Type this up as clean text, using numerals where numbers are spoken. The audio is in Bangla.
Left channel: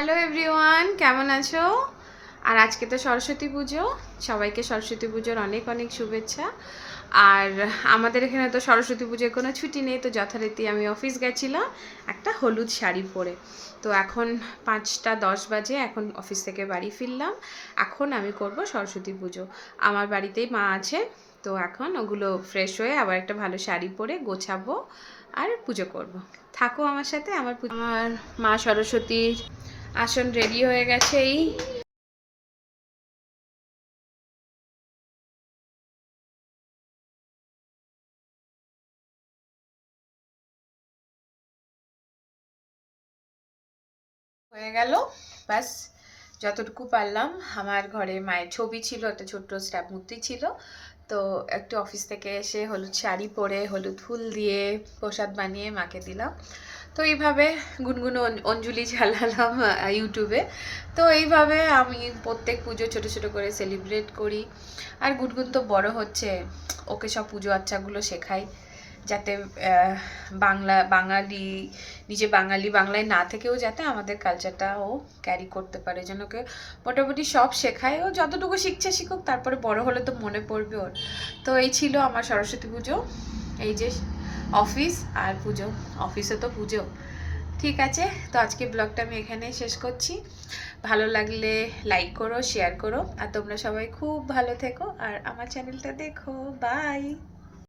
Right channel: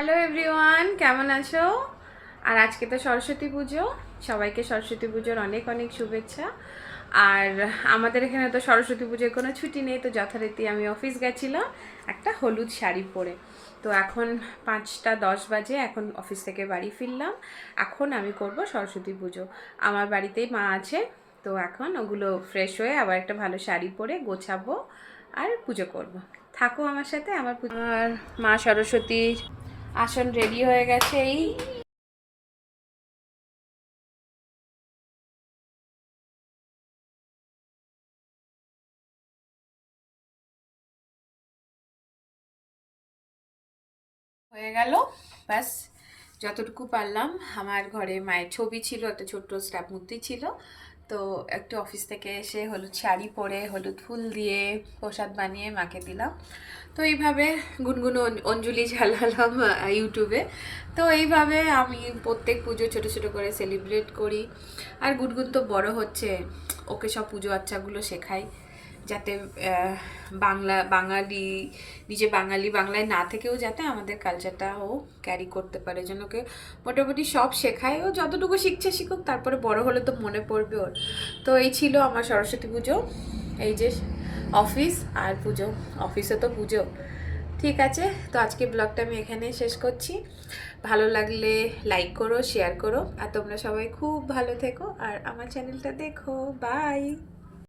হ্যালো এভরিওয়ান, কেমন আছো? আর আজকে তো সরস্বতী পুজো। সবাইকে সরস্বতী পুজোর অনেক অনেক শুভেচ্ছা। আর আমাদের এখানে তো সরস্বতী পুজোর কোনো ছুটি নেই, তো যথারীতি আমি অফিস গেছিলাম একটা হলুদ শাড়ি পরে। তো এখন 5টা 10 বাজে, এখন অফিস থেকে বাড়ি ফিরলাম। এখন আমি করব সরস্বতী পুজো। আমার বাড়িতেই মা আছে, তো এখন ওগুলো ফ্রেশ হয়ে আবার একটা ভালো শাড়ি পরে গোছাবো আর পুজো করব। থাকো আমার সাথে। আমার মা সরস্বতীর আসন রেডি হয়ে গেছে। এই হয়ে গেল, ব্যাস। যতটুকু পারলাম। আমার ঘরে মায়ের ছবি ছিল, একটা ছোট্ট স্ট্যাপ মূর্তি ছিল। তো একটু অফিস থেকে এসে হলুদ শাড়ি পরে হলুদ ফুল দিয়ে প্রসাদ বানিয়ে মাকে দিলাম। তো এইভাবে গুনগুনো অঞ্জলি চালালাম ইউটিউবে। তো এইভাবে আমি প্রত্যেক পুজো ছোট ছোট করে সেলিব্রেট করি। আর গুনগুন তো বড় হচ্ছে, ওকে সব পুজো আচ্চাগুলো শেখাই, যাতে বাঙালি, নিজে বাঙালি, বাংলায় না থেকেও যাতে আমাদের কালচারটা ও ক্যারি করতে পারে, যেন ওকে মোটামুটি সব শেখায়। ও যতটুকু শিখছে শিখুক, তারপরে বড় হলে তো মনে পড়বে ওর। তো এই ছিল আমার সরস্বতী পুজো। এই যে অফিস আর পুজো, অফিসে তো পুজো। ঠিক আছে, তো আজকে ব্লগটা আমি এখানে শেষ করছি। ভালো লাগলে লাইক করো, শেয়ার করো, আর তোমরা সবাই খুব ভালো থেকো আর আমার চ্যানেলটা দেখো। বাই।